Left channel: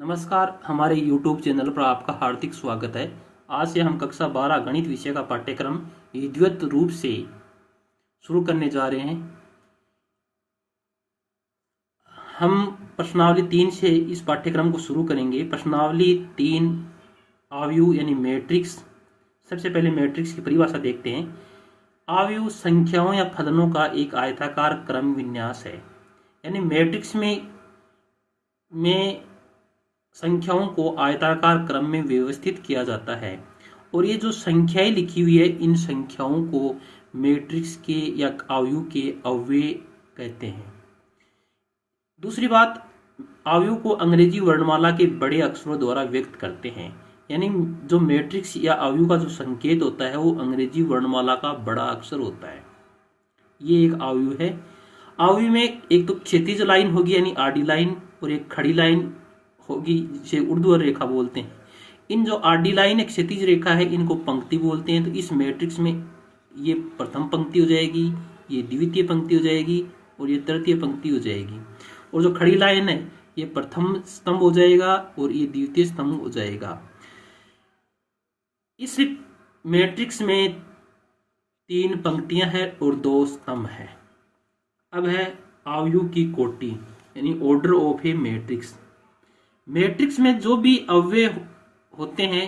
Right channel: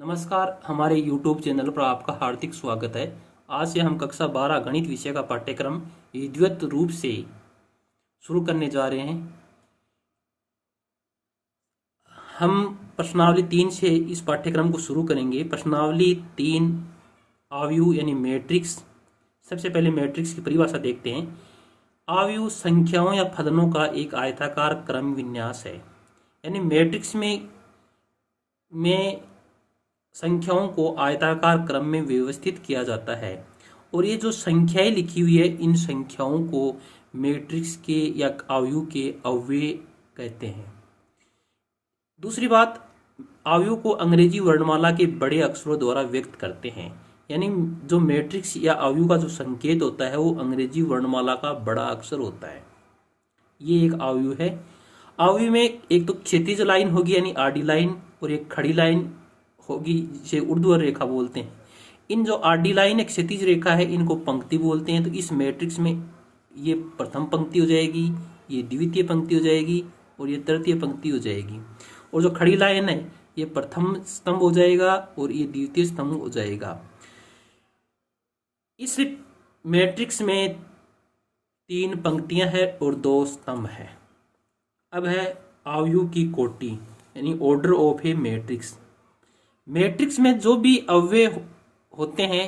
नमस्कार, हमारे YouTube channel पर आपका हार्दिक स्वागत है। आज से हम कक्षा 12 गणित विषय का पाठ्यक्रम विधिवत रूप से शुरू करने जा रहे हैं। हम प्रश्नावली 3 से इस पाठ्यक्रम को शुरू करेंगे। प्रश्नावली 3 आव्यूह यानी मैट्रिक्स। सबसे पहले मैट्रिक्स की परिभाषा देखते हैं। आव्यूह संख्याओं या फलनों का एक आयताकार क्रम विन्यास है। यानी मैट्रिक्स में संख्याओं को आयताकार क्रम में व्यवस्थित किया जाता है और ये जो संख्याएं लिखी हुई है, इन संख्याओं को मैट्रिक्स के या आव्यूह के अव्यय कहते हैं। दूसरी बात, आव्यूह को अंग्रेजी वर्णमाला के बड़े अक्षरों द्वारा व्यक्त करते हैं। यानी जो मैट्रिक्स या आव्यूह का जो संकेत होता है वो अंग्रेजी वर्णमाला का बड़ा अक्षर होता है। ये एक आव्यूह है। आव्यूह में एक तो क्षैतिज लाइन होगी यानी आडी लाइन, और एक खड़ी लाइन होगी जिसे ऊर्ध्वाधर रेखा बोलते हैं। इन जो आडी लाइन एक क्षैतिज रेखा है, इनको पंक्ति बोलते हैं। तो इस मैट्रिक्स में ये प्रथम पंक्ति हो जाएगी, ये द्वितीय पंक्ति हो जाएगी और ये तृतीय पंक्ति हो जाएगी। और जो खड़ी लाइन है, ये प्रथम स्तंभ हो जाएगा और ये द्वितीय स्तंभ हो जाएगा। इस मैट्रिक्स में 3 पंक्तियां हैं और 2 स्तंभ है। अब है आव्यूह की कोटि यानी order of A matrix. Matrix में जो भी अव्यय होते हैं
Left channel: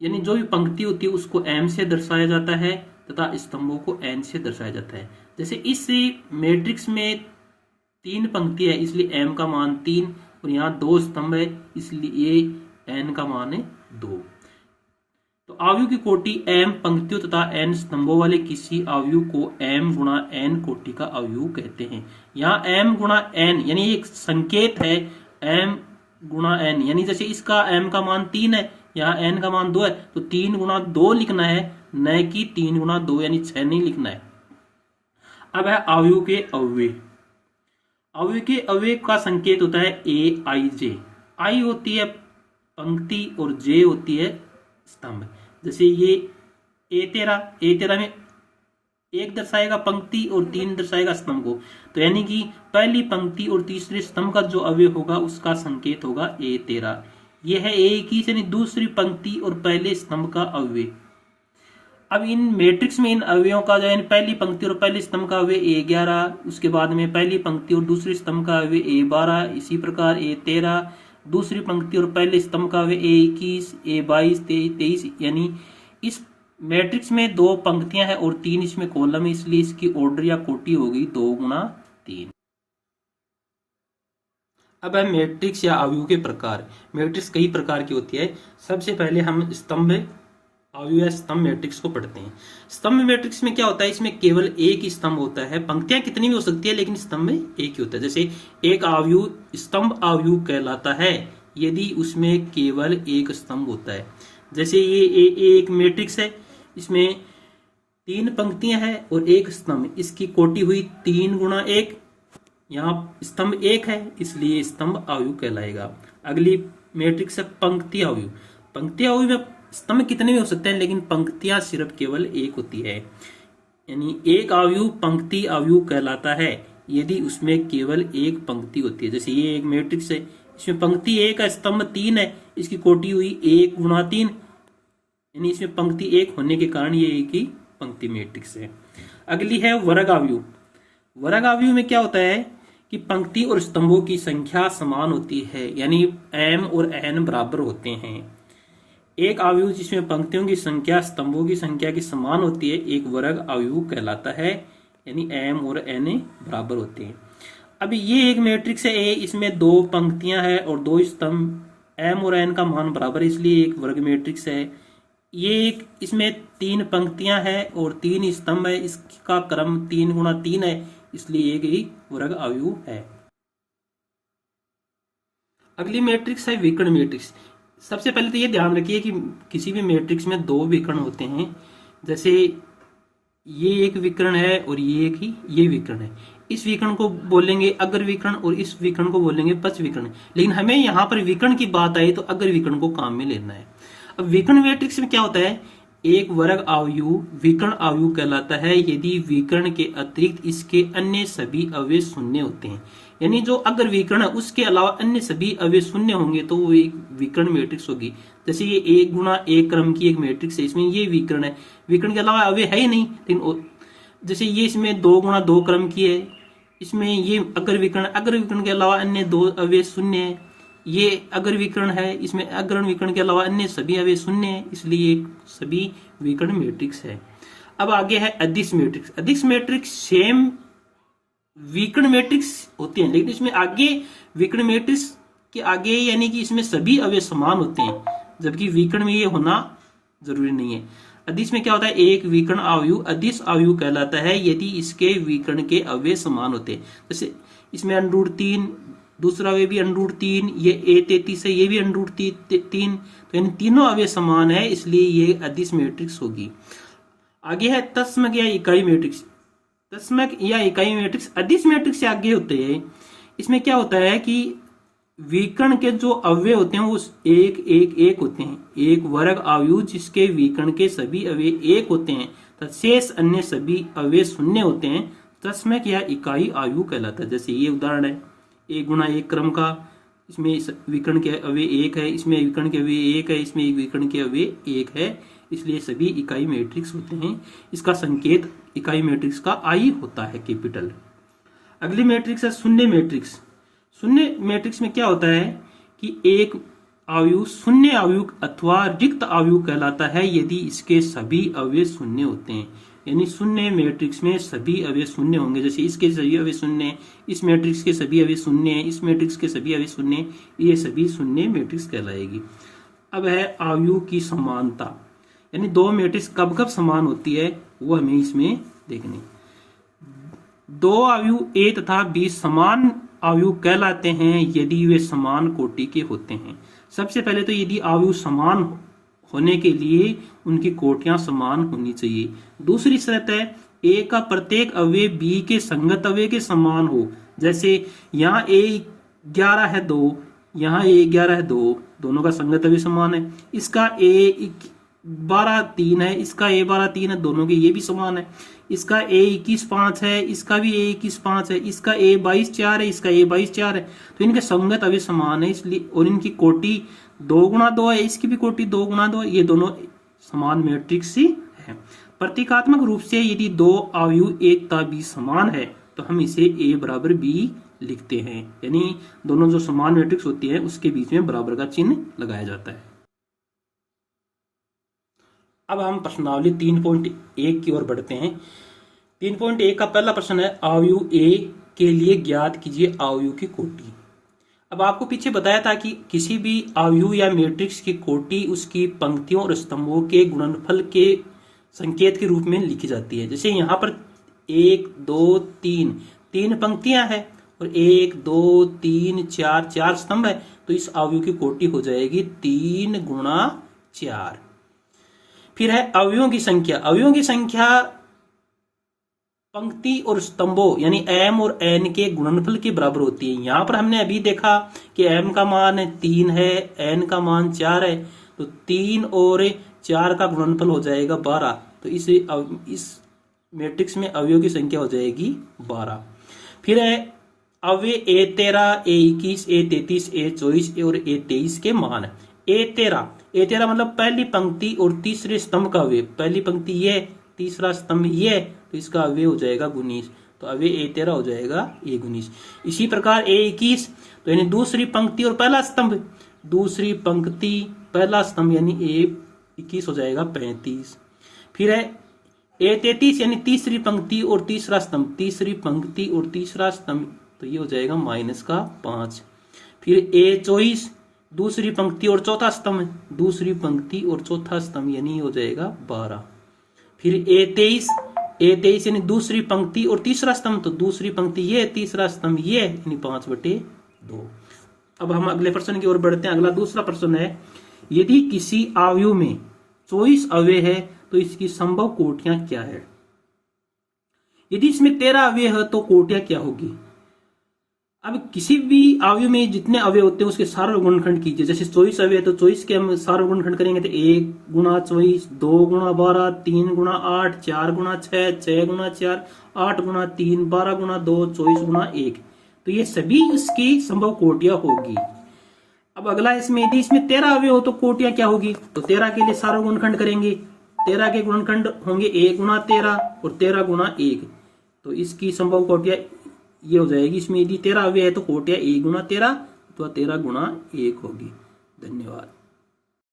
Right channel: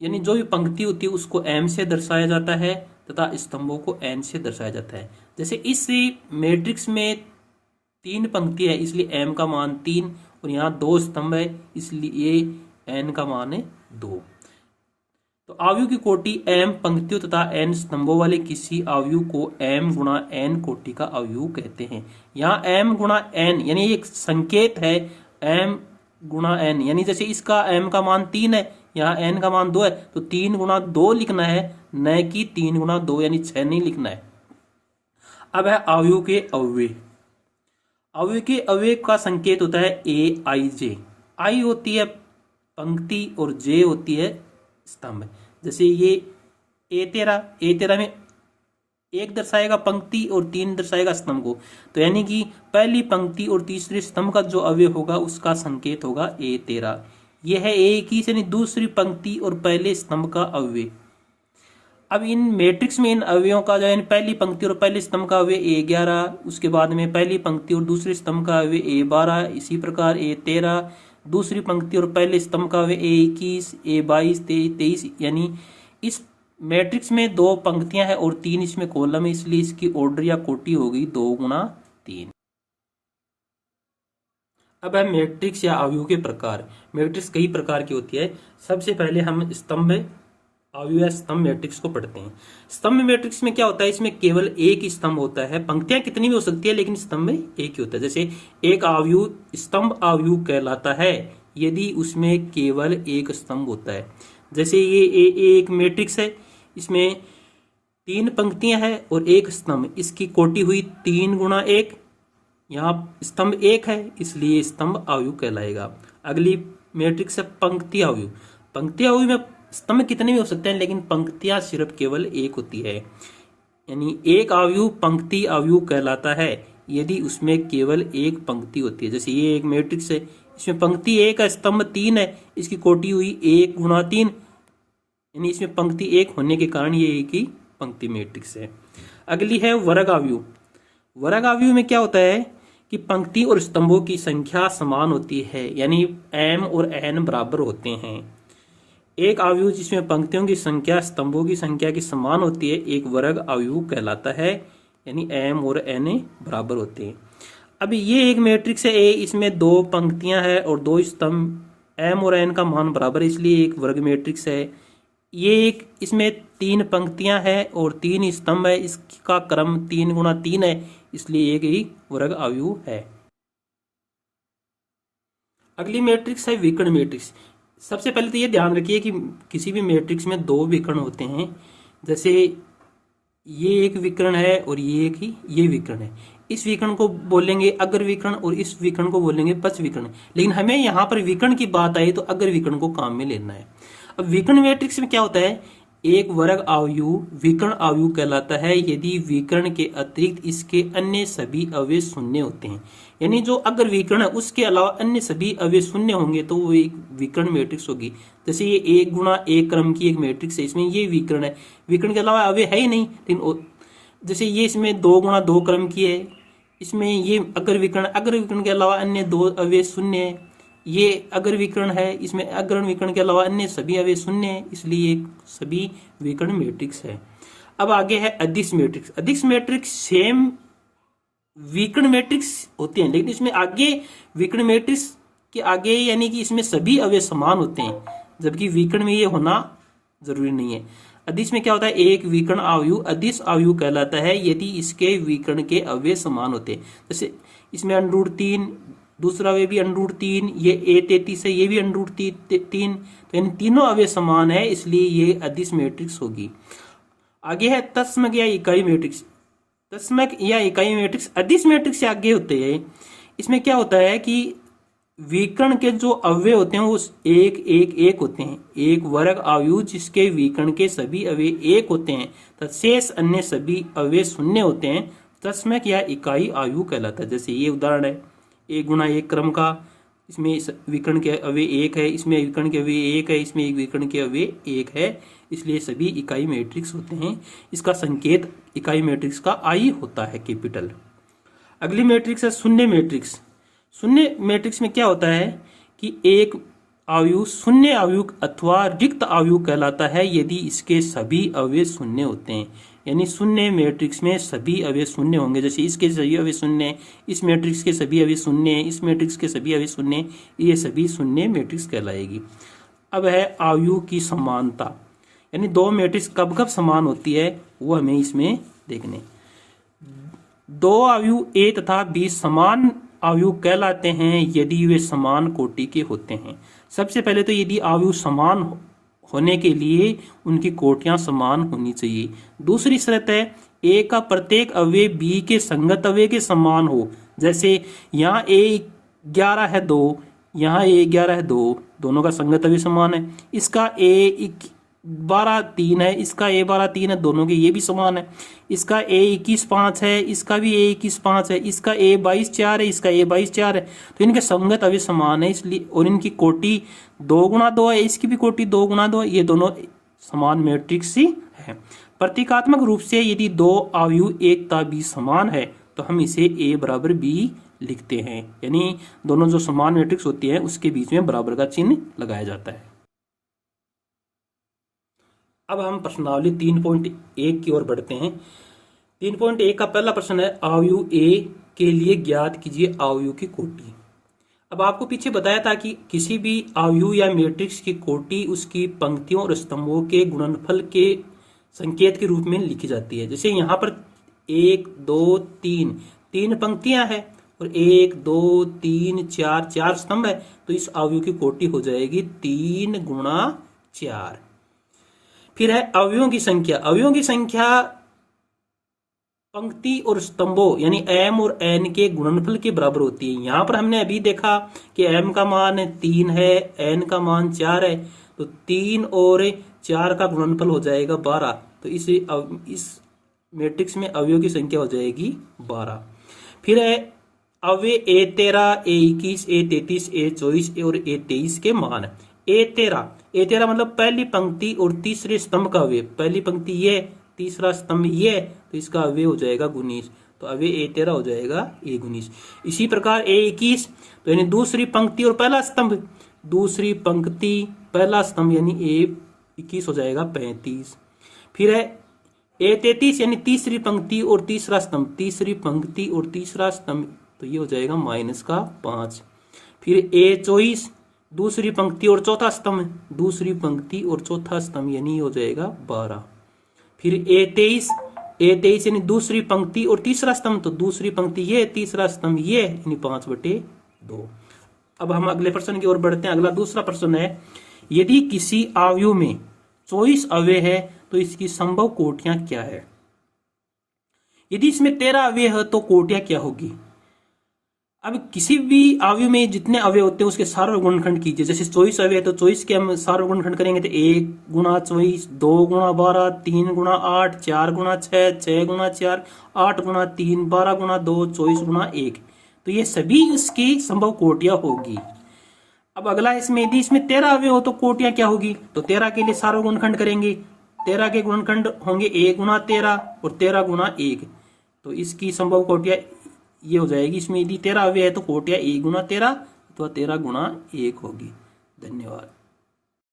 यानी जो भी पंक्ति होती है उसको m से दर्शाया जाता है तथा स्तंभों को n से दर्शाया जाता है। जैसे इस मैट्रिक्स में 3 पंक्ति है इसलिए m का मान 3 और यहाँ 2 स्तंभ है इसलिए n का मान है 2। तो आव्यूह की कोटि m पंक्तियों तथा n स्तंभों वाले किसी आव्यूह को m गुणा n कोटि का आव्यूह कहते हैं। यहाँ m गुणा n यानी एक संकेत है m गुणा n, यानी जैसे इसका m का मान 3 है, यहाँ n का मान 2 है, तो 3 गुणा 2 लिखना है, न कि 3 गुणा 2 यानी 6 नहीं लिखना है। अब है आव्यूह के अव्यय। आव्यूह के अव्यय का संकेत होता है a i j। i होती है पंक्ति और j होती है स्तंभ। जैसे ये a13 में 1 दर्शाएगा पंक्ति और 3 दर्शाएगा स्तंभ को। तो यानी कि पहली पंक्ति और तीसरे स्तंभ का जो अवयव होगा उसका संकेत होगा a13। यह है a21 यानी दूसरी पंक्ति और पहले स्तंभ का अवयव। अब इन मैट्रिक्स में इन अवयवों का जो है पहली पंक्ति और पहले स्तंभ का अवयव a11, उसके बाद में पहली पंक्ति और दूसरे स्तंभ का अवयव a12, इसी प्रकार a13, दूसरी पंक्ति और पहले स्तंभ का अवयव a21, a22, a23। यानी इस मैट्रिक्स में 2 पंक्तियां हैं और 3 इसमें कॉलम है, इसलिए इसकी ऑर्डर या कोटि होगी 2 गुणा 3। अब है मैट्रिक्स या आव्यूह के प्रकार। मैट्रिक्स कई प्रकार की होती है। सबसे पहले हम स्तंभ आव्यूह या स्तंभ मैट्रिक्स को पढ़ते हैं। स्तंभ मैट्रिक्स में क्या होता है, इसमें केवल एक ही स्तंभ होता है। पंक्तियां कितनी भी हो सकती है लेकिन स्तंभ एक ही होता है। जैसे एक आव्यूह स्तंभ आव्यूह कहलाता है यदि उसमें केवल एक स्तंभ होता है। जैसे ये एक मैट्रिक्स है, इसमें 3 पंक्तियां हैं और 1 स्तंभ, इसकी कोटि हुई 3 गुणा 1। यहाँ स्तंभ 1 है इसलिए स्तंभ आव्यूह कहलाएगा। अगली मैट्रिक्स है पंक्ति आव्यूह। पंक्ति आव्यूह में स्तंभ कितने भी हो सकते हैं लेकिन पंक्तियां सिर्फ केवल 1 होती है। यानी एक आव्यूह पंक्ति आव्यूह कहलाता है यदि उसमें केवल 1 पंक्ति होती है। जैसे ये एक मैट्रिक्स है, इसमें पंक्ति 1 है, स्तंभ 3 है, इसकी कोटि हुई 1 गुणा 3, यानी इसमें पंक्ति 1 होने के कारण ये एक ही पंक्ति मैट्रिक्स है। अगली है वर्ग आव्यूह। वर्ग आव्यूह में क्या होता है कि पंक्ति और स्तंभों की संख्या समान होती है, यानी m और n बराबर होते हैं। एक आव्यूह जिसमें पंक्तियों की संख्या स्तंभों की संख्या की समान होती है एक वर्ग आव्यूह कहलाता है, यानी m और n बराबर होते हैं। अब ये एक मैट्रिक्स है A, इसमें 2 पंक्तियां हैं और 2 स्तंभ, m और n का मान बराबर है इसलिए एक वर्ग मैट्रिक्स है। ये एक इसमें 3 पंक्तियां हैं और 3 स्तंभ है, इसका क्रम 3 गुणा 3 है इसलिए एक ही वर्ग आव्यूह है। अगली मैट्रिक्स है विकर्ण मैट्रिक्स। सबसे पहले तो ये ध्यान रखिए कि किसी भी मैट्रिक्स में 2 विकर्ण होते हैं। जैसे ये एक विकर्ण है और ये विकर्ण है। इस विकर्ण को बोलेंगे अग्र विकर्ण और इस विकर्ण को बोलेंगे पश्च विकर्ण। लेकिन हमें यहाँ पर विकर्ण की बात आई तो अग्र विकर्ण को काम में लेना है। अब विकर्ण मैट्रिक्स में क्या होता है, एक वर्ग आव्यूह विकर्ण आव्यूह कहलाता है यदि विकर्ण के अतिरिक्त इसके अन्य सभी अवयव शून्य होते हैं। यानी जो अगर विकर्ण है उसके अलावा अन्य सभी अवयव शून्य होंगे तो वो एक विकर्ण मैट्रिक्स होगी। जैसे ये 1 गुणा 1 क्रम की एक मैट्रिक्स है, इसमें ये विकर्ण है, विकर्ण के अलावा अवयव है ही नहीं। लेकिन जैसे ये इसमें 2 गुणा 2 क्रम की है, इसमें ये अगर विकर्ण के अलावा अन्य दो अवयव शून्य है। ये अगर विकर्ण है, इसमें अग्रण विकर्ण के अलावा अन्य सभी अवयव शून्य है, इसलिए ये सभी विकर्ण मैट्रिक्स है। अब आगे है अदिश मैट्रिक्स। अदिश मैट्रिक्स सेम विकर्ण मैट्रिक्स होती हैं, लेकिन इसमें आगे विकर्ण मैट्रिक्स के आगे यानी कि इसमें सभी अवयव समान होते हैं, जबकि विकर्ण में ये होना जरूरी नहीं है। अदिश में क्या होता है, एक विकर्ण आयु अदिश आयु कहलाता है यदि इसके विकर्ण के अवयव समान होते हैं। जैसे इसमें √3, दूसरा अवयव भी √3, ये A33 है, ये भी √3, तो यानी तीनों अवयव समान है, इसलिए ये अदिश मैट्रिक्स होगी। आगे है तत्समक या इकाई मैट्रिक्स। तत्समक या इकाई मैट्रिक्स अदिश मैट्रिक्स से आगे होते हैं। इसमें क्या होता है कि विकर्ण के जो अवयव होते हैं वो एक होते हैं, एक वर्ग आयु जिसके विकर्ण के सभी अवयव एक होते हैं तथा शेष अन्य सभी अवयव शून्य होते हैं, तत्समक या इकाई आयु कहलाता है। जैसे ये उदाहरण है 1 गुणा 1 क्रम का, इसमें विकर्ण के अवयव 1 है, इसमें विकर्ण के अवयव 1 है, इसमें एक विकर्ण के अवयव 1 है, इसलिए सभी इकाई मैट्रिक्स होते हैं। इसका संकेत इकाई मैट्रिक्स का आई होता है, कैपिटल। अगली मैट्रिक्स है शून्य मैट्रिक्स। शून्य मैट्रिक्स में क्या होता है कि एक आयु शून्य आयु अथवा रिक्त आयु कहलाता है यदि इसके सभी अवयव शून्य होते हैं। यानी शून्य मैट्रिक्स में सभी अवयव शून्य होंगे। जैसे इसके सभी अवयव शून्य है, इस मैट्रिक्स के सभी अवयव शून्य है, इस मैट्रिक्स के सभी अवयव शून्य है, ये सभी शून्य मैट्रिक्स कहलाएगी। अब है आयु की समानता, यानी दो मैट्रिक्स कब कब समान होती है वो हमें इसमें देखने। दो आयु A तथा B समान आयु कहलाते हैं यदि वे समान कोटि के होते हैं। सबसे पहले तो यदि आयु समान होने के लिए उनकी कोटियां समान होनी चाहिए। दूसरी शर्त है A का प्रत्येक अवयव B के संगत अवयव के समान हो। जैसे यहाँ A11 है 2, यहाँ A11 है 2, दोनों का संगत अवयव समान है। इसका A12 3 है, इसका A12 3 है, दोनों के ये भी समान है। इसका A21 5 है, इसका भी A21 5 है, इसका A22 4 है, इसका A22 4 है, तो इनके संगत अवयव समान है, इसलिए और इनकी कोटि 2 गुणा 2 है, इसकी भी कोटि 2 गुणा 2 है, ये दोनों समान मैट्रिक्स ही है। प्रतीकात्मक रूप से यदि दो आयु A तथा B समान है तो हम इसे A बराबर B लिखते हैं, यानी दोनों जो समान मैट्रिक्स होती है उसके बीच में बराबर का चिन्ह लगाया जाता है। अब हम प्रश्नावली 3.1 की ओर बढ़ते हैं। 3.1 का पहला प्रश्न है आयु A के लिए ज्ञात कीजिए आयु की कोटि। अब आपको पीछे बताया था कि किसी भी आयु या मैट्रिक्स की कोटि उसकी पंक्तियों और स्तंभों के गुणनफल के संकेत के रूप में लिखी जाती है। जैसे यहाँ पर 1 2 3 पंक्तियां हैं और 1 2 3 4 स्तंभ है, तो इस आयु की कोटि हो जाएगी 3 गुणा 4। फिर है अवयवों की संख्या। अवयवों की संख्या पंक्ति और स्तंभों यानी m और n के गुणनफल के बराबर होती है। यहां पर हमने अभी देखा कि m का मान 3 है, n का मान 4 है, तो 3 और 4 का गुणनफल हो जाएगा 12। तो इस मैट्रिक्स में अवयवों की संख्या हो जाएगी 12। फिर है अवयव A13, A21, A33, A24 और A23 के मान। A13 मतलब पहली पंक्ति और तीसरे स्तंभ का अवयव। पहली पंक्ति ये, तीसरा स्तंभ ये, तो इसका अवयव हो जाएगा 19, तो अवयव A13 हो जाएगा A19। इसी प्रकार A21 तो यानी दूसरी पंक्ति और पहला स्तंभ, दूसरी पंक्ति पहला स्तंभ यानी A21 हो जाएगा 35। फिर है A33 यानी तीसरी पंक्ति और तीसरा स्तंभ, तीसरी पंक्ति और तीसरा स्तंभ, तो ये हो जाएगा -5। फिर A24 दूसरी पंक्ति और चौथा स्तंभ, दूसरी पंक्ति और चौथा स्तंभ यानी हो जाएगा 12। फिर A23 यानी दूसरी पंक्ति और तीसरा स्तंभ, तो दूसरी पंक्ति ये, तीसरा स्तंभ ये, यानी 5/2। अब हम अगले प्रश्न की ओर बढ़ते हैं। अगला दूसरा प्रश्न है यदि किसी आयु में 24 अवयव है तो इसकी संभव कोटियां क्या है। यदि इसमें 13 अवयव है तो कोटियां क्या होगी। अब किसी भी आयु में जितने अवयव होते हैं उसके सारे गुणनखंड कीजिए। जैसे 24 अवयव तो 24 के हम सारे गुणनखंड करेंगे तो 1 गुणा 24, 2 गुणा 12, 3 गुणा 8, 4 गुणा 6, 6 गुणा 4, 8 गुणा 3, 12 गुणा 2, 24 गुणा 1, तो ये सभी इसकी संभव कोटियां होगी। अब अगला इसमें यदि इसमें 13 अवयव हो तो कोटियां क्या होगी, तो 13 के लिए सारा गुणनखंड करेंगे। 13 के गुणनखंड होंगे 1 गुणा 13 और 13 गुणा 1, तो इसकी संभव कोटियां ये हो जाएगी। इसमें यदि 13 अवयव है तो कोटियां 1 गुणा 13 अथवा 13 गुणा 1 होगी। धन्यवाद।